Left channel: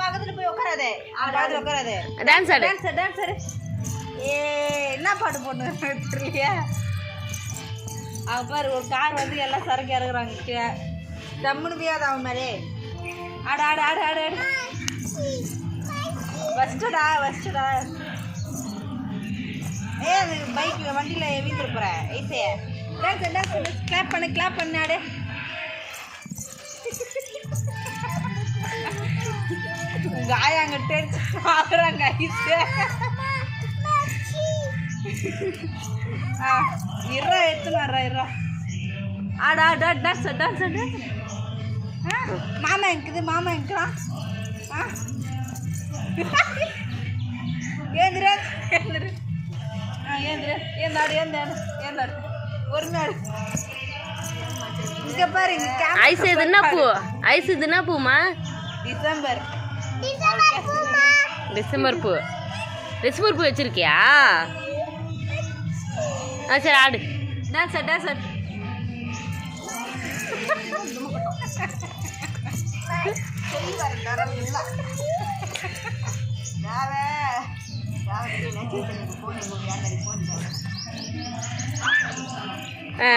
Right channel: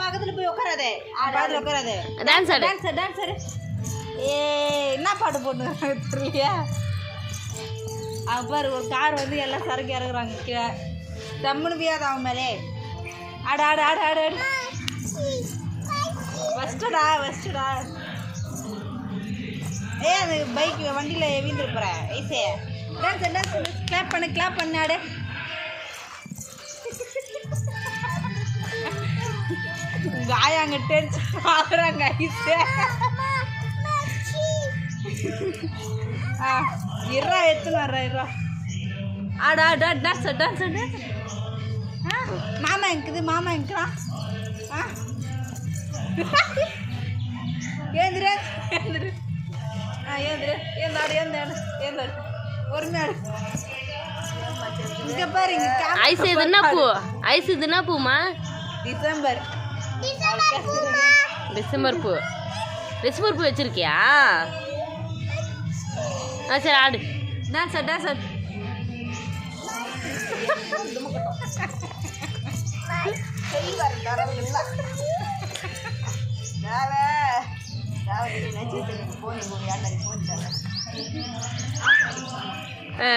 பக்கத்துல போய் உட்காராதே பக்கத்துல உட்காராதே டான்ஸ் ஆடு. டான்ஸர் டான்ஸர் ஏ என்ன பாட்டு போட்டு தெரியலையா. பாரு ஒரு கார் வந்து எல்லாம் சரக்கு இறக்குறாங்க கீழே. தம்முன்னு பியாத அவன் மேலே. ஆடு ஆடு ஆடு ஆடு ஆடு. ஃபஸ்ட்டுடா ஃபஸ்ட்டுடா ஏ அது பைக் வண்டியில் வீந்துட்டு போகிறேன் ஐசே. டான்ஸ் டான்ஸ் கிளாப் பண்ணு கிளாப் பண்ணு அங்க டென்ஸ் பாக்குறாங்க ஐசே இருறா எடுத்துன்னு வர்றேன் இருறா ஆடு ஆடு டான்ஸ் டான்ஸ் டான்ஸ் மாமா இருக்குது மாமா இருக்குதா ஏந்திர ஏந்திரு. ஆ ஏந்திரு ஏந்தாடு ஏந்தாடு ஏந்தாடு. இங்க camera ஐஸ் இது என்ன பூ? ஐஸ் இது என்ன பூமா? டிசம்பர். டிசம்பர் பூ டிசம்பர் பூ வச்சிருக்கியா ஆ சரி ஆடு டான்ஸ் டான்ஸ்